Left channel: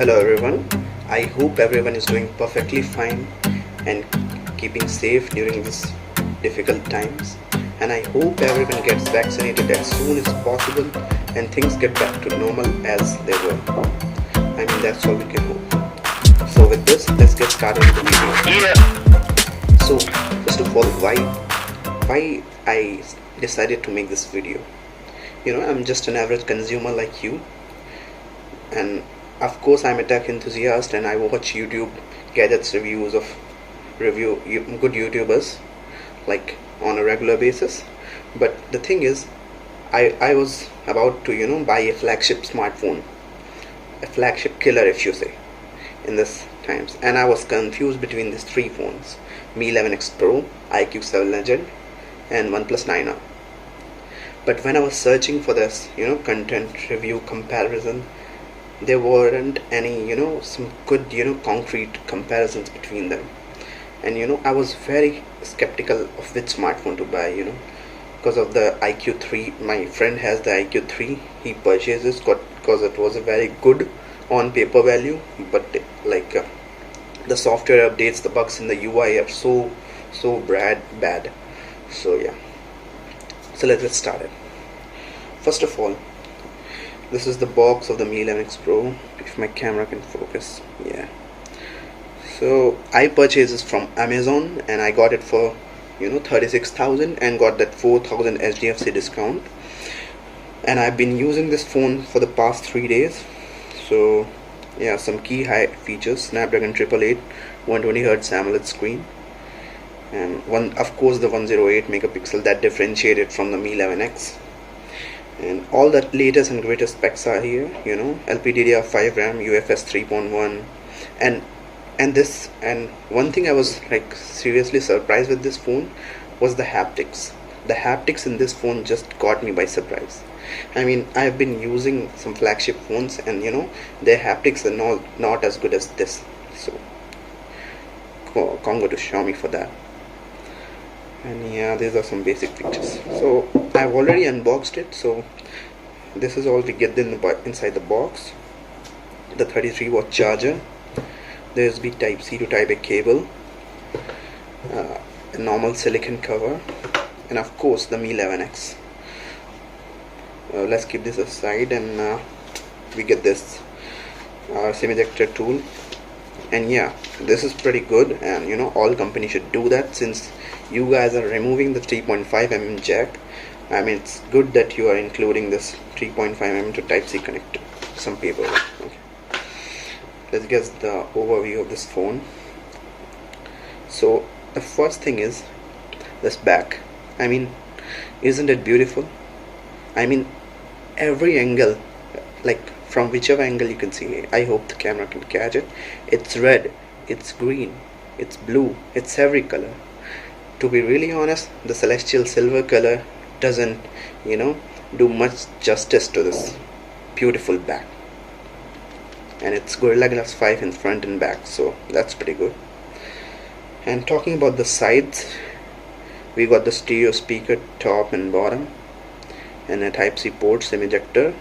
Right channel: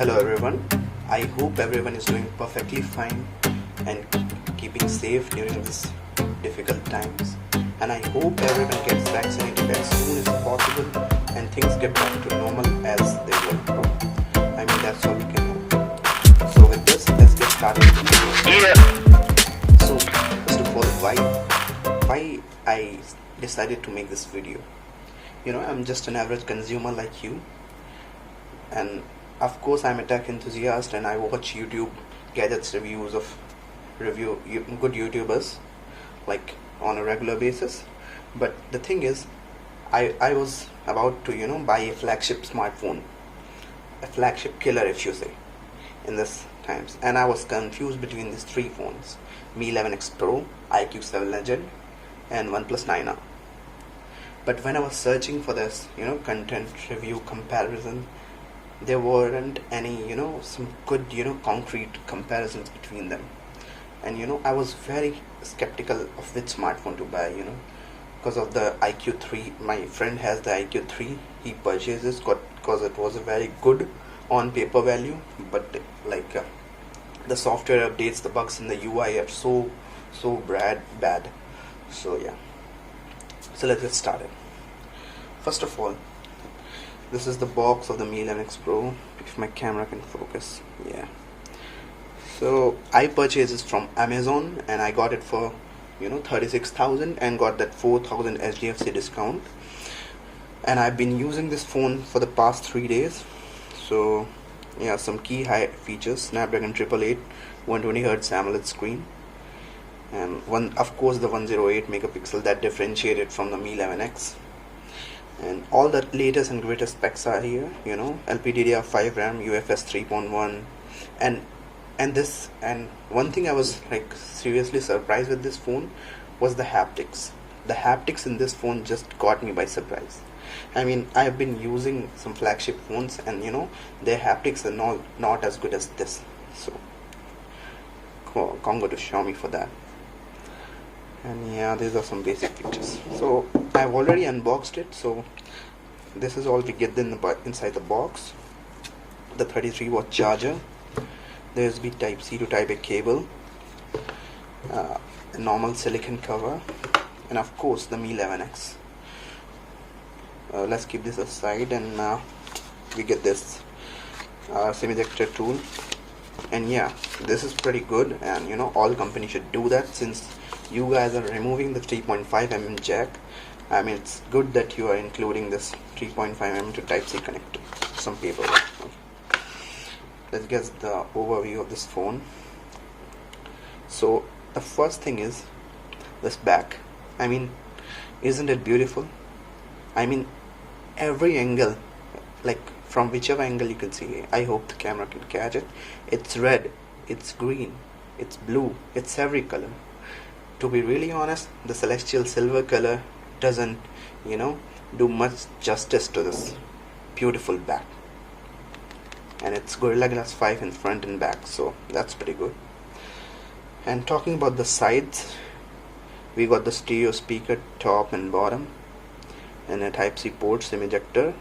Hello everyone, I hope everyone is doing perfectly fine and keeping safe during these difficult times, and I hope everyone gets vaccinated as soon as possible and things get back to normal as they were. I mean, that's all we can hope. So with this, let's get started with the video. So first of all, why I decided to make this video. I'm just an average consumer like you, and of course I'm a tech enthusiast and I watch YouTube gadgets reviews of good YouTubers like on a regular basis. But the thing is, I was about to buy a flagship smartphone, a flagship killer if you say, in this times, and I was confused between these three phones: Mi 11X Pro, IQ 7 Legend, and OnePlus 9R. But when I was searching for this content review comparison, there weren't any some good concrete comparisons between them. And I was very skeptical of which smartphone to buy, because of the IQ3. My friend has the IQ3. He purchased this because it was a very good on paper value, but the software updates, the bugs in the UI are so bad. So yeah, so let's get started. First of all, this is the box of the Mi 11X Pro, if my camera can focus. Yeah, so I purchased this from Amazon and I got it for 36,000 and got that 4,000 SDFC discount, and I've been using this phone for the past 3 days. So yeah, some key high features: Snapdragon 888, 120Hz AMOLED screen, and of course the 108 megapixel that differentiated from the Mi 11X. And all the latest and greatest specs are here, LPDDR5 RAM, UFS 3.1, and one thing I was seriously surprised with this phone was the haptics. The haptics in this phone just caught me by surprise. I mean, I've been using some flagship phones and their haptics are not as good as this. So Congo to Xiaomi for that. And yeah, these are some basic features. So I've already unboxed it. So this is all we get inside the box: the 33-watt charger, the USB Type C to Type A cable, a normal silicon cover, and of course the Mi 11X. Let's keep this aside, and we get this semi-ejector tool. And yeah, this is pretty good, and all companies should do that, since you guys are removing the 3.5mm jack. I mean, it's good that you are including this 3.5mm to Type C connector. Some people. Okay. Let's get the overview of this phone. So the first thing is this back. I mean, isn't it beautiful? I mean, every angle, from whichever angle you can see, I hope the camera can catch it. It's red, it's green, it's blue, it's every color. To be really honest, the celestial silver color doesn't do much justice to this beautiful back. And it's Gorilla Glass 5 in front and back, so that's pretty good. And talking about the sides, we got the stereo speaker top and bottom, and a Type C port, semi-ejector.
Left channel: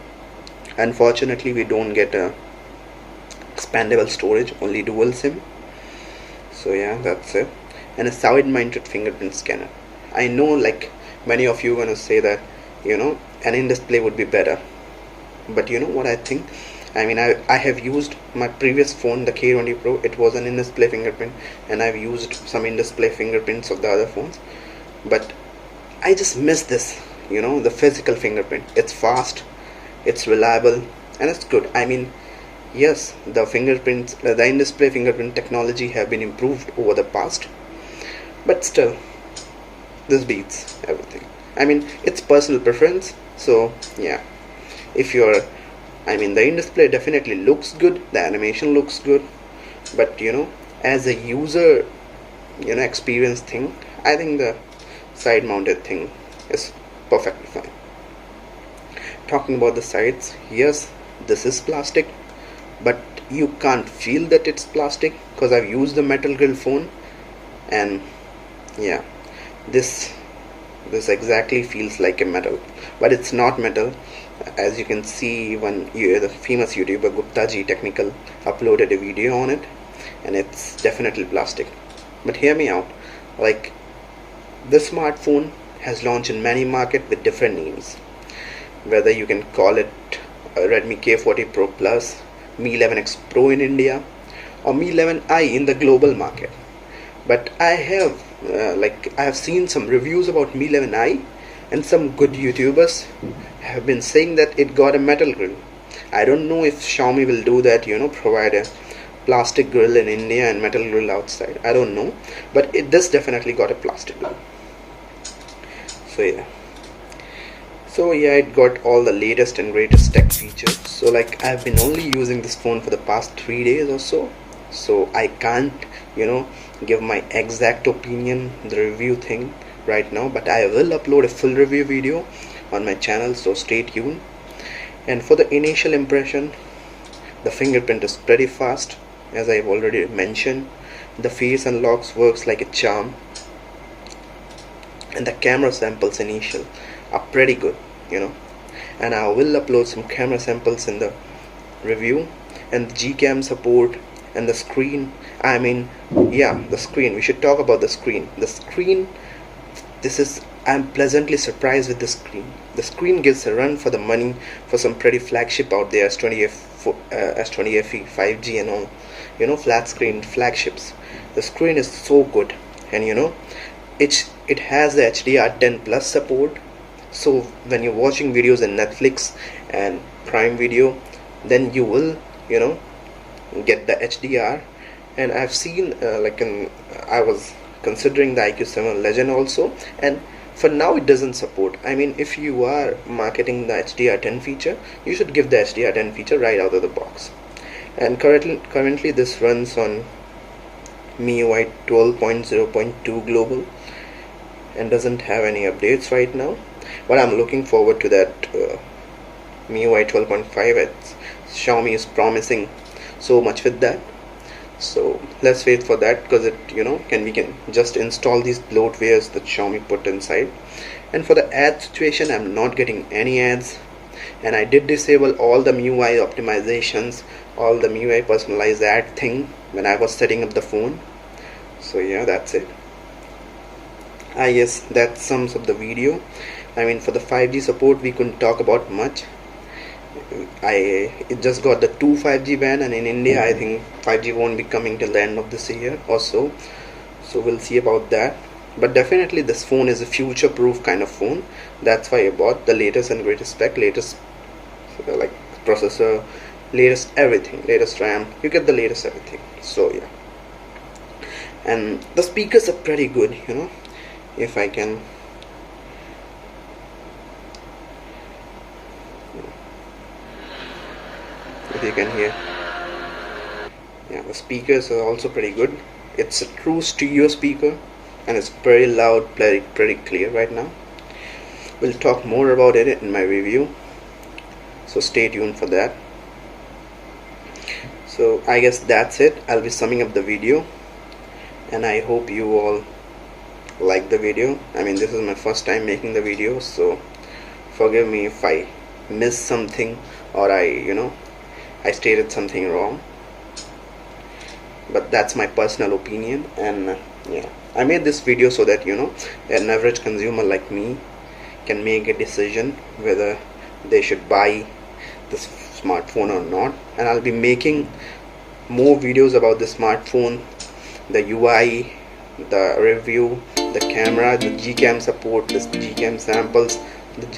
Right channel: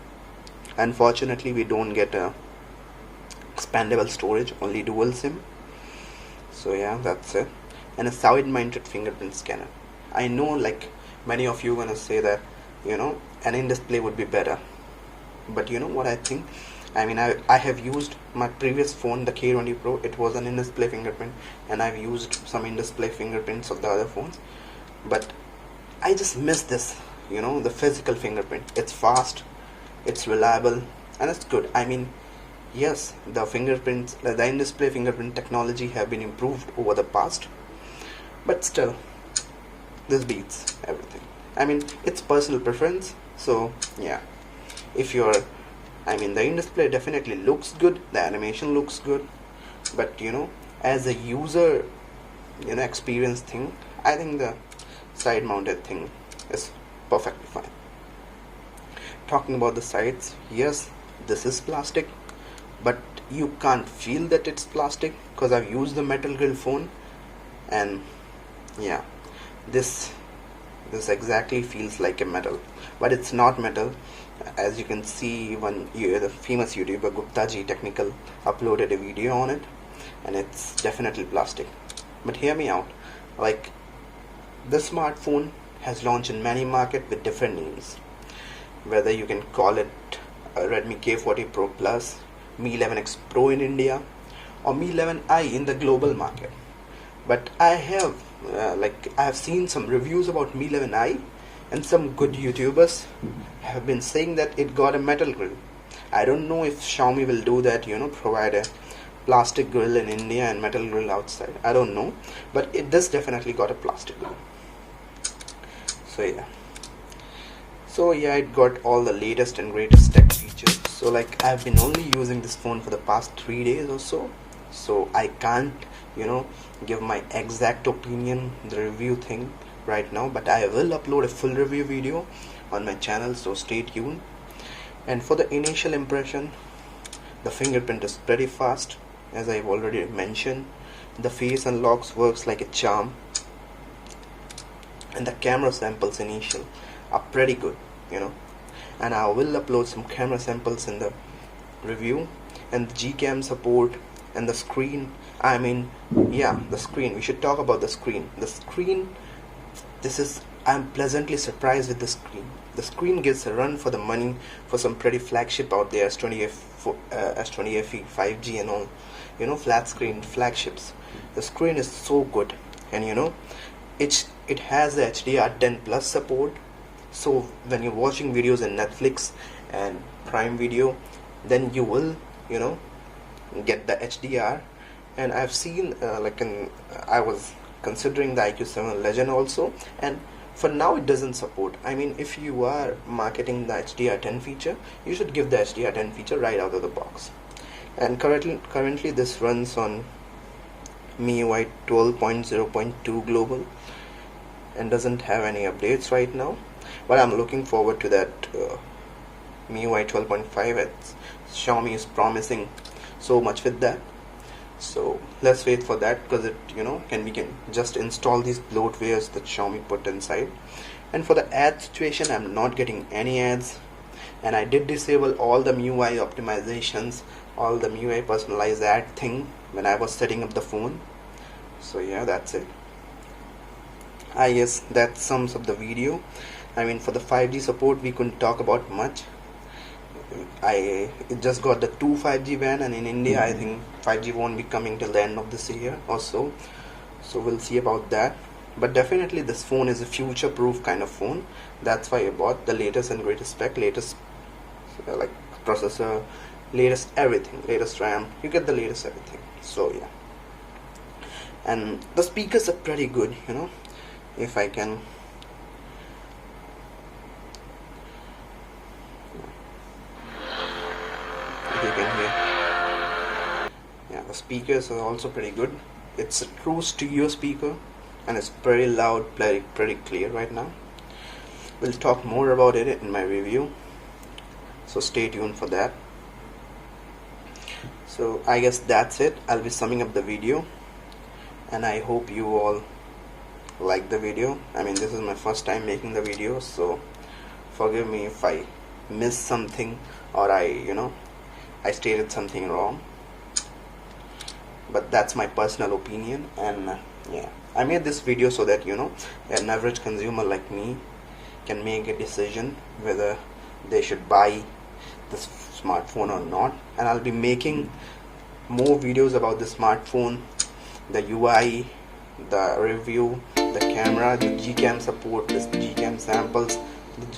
Unfortunately, we don't get a expandable storage, only dual SIM. So yeah, that's it. And a side-mounted fingerprint scanner. I know many of you are gonna say that an in-display would be better, but you know what I think? I mean, I have used my previous phone, the K20 Pro. It was an in-display fingerprint, and I've used some in-display fingerprints of the other phones, but I just miss this, the physical fingerprint. It's fast, it's reliable, and it's good. I mean, yes, the fingerprints, the in-display fingerprint technology have been improved over the past, but still, this beats everything. I mean, it's personal preference. So yeah, if you're, I mean, the in-display definitely looks good, the animation looks good, but as a user experience thing, I think the side mounted thing is perfectly fine. Talking about the sides, yes, this is plastic, but you can't feel that it's plastic because I've used the metal grill phone, and yeah, this exactly feels like a metal, but it's not metal. As you can see, the famous YouTuber Gupta ji technical uploaded a video on it, and it's definitely plastic. But hear me out, like, this smartphone has launched in many markets with different names, whether you can call it Redmi K40 Pro Plus, Mi 11X Pro in India, or Mi 11i in the global market. But I have seen some reviews about Mi 11i, and some good YouTubers have been saying that it got a metal grill. I don't know if Xiaomi will do that, provide a plastic grill in India and metal grill outside. I don't know, but this definitely got a plastic grill. So yeah, it got all the latest and greatest tech features. So like, I've been only using this phone for the past 3 days or so I can't give my exact opinion, the review thing right now, but I will upload a full review video on my channel, so stay tuned. And for the initial impression, the fingerprint is pretty fast, as I've already mentioned. The face unlocks works like a charm, and the camera samples initial are pretty good, and I will upload some camera samples in the review. And the Gcam support and the screen, the screen, we should talk about the screen. I'm pleasantly surprised with the screen. The screen gives a run for the money for some pretty flagship out there, S20 FE 5G and all, flat screen flagships. The screen is so good, and it has the HDR10 plus support. So when you're watching videos in Netflix and Prime Video, then you will get the HDR. And I've seen I was considering the IQ7 Legend also, and for now it doesn't support. If you are marketing the HDR10 feature, you should give the HDR10 feature right out of the box. And currently this runs on MIUI 12.0.2 global and doesn't have any updates right now, but I'm looking forward to that MIUI 12.5. Xiaomi is promising so much with that, so let's wait for that, because we can just install these bloatwares that Xiaomi put inside. And for the ad situation, I'm not getting any ads, and I did disable all the MIUI optimizations, all the MIUI personalized ad thing when I was setting up the phone. So yeah, that's it. I guess that sums up the video. For the 5G support, we couldn't talk about much. It just got the 2 5G band, and in India I think 5G won't be coming till the end of this year or so we'll see about that. But definitely this phone is a future proof kind of phone. That's why I bought the latest and greatest spec, latest processor, latest everything, latest RAM. You get the latest everything. So yeah, and the speakers are pretty good, if I can, if you can hear. Yeah, the speakers are also pretty good. It's a true stereo speaker, and it's pretty loud, pretty clear right now. We'll talk more about it in my review, so stay tuned for that. So I guess that's it. I'll be summing up the video, and I hope you all like the video. This is my first time making the video, so forgive me if I missed something or I stated something wrong, but that's my personal opinion. And yeah, I made this video so that an average consumer like me can make a decision whether they should buy this smartphone or not. And I'll be making more videos about the smartphone, the UI, the review, the camera, the Gcam support, the Gcam samples,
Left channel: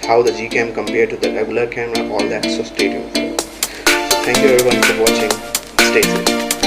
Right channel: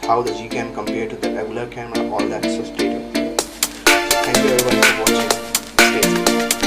how the Gcam compared to the regular camera, all that. So stay tuned. So thank you everyone for watching. Stay safe.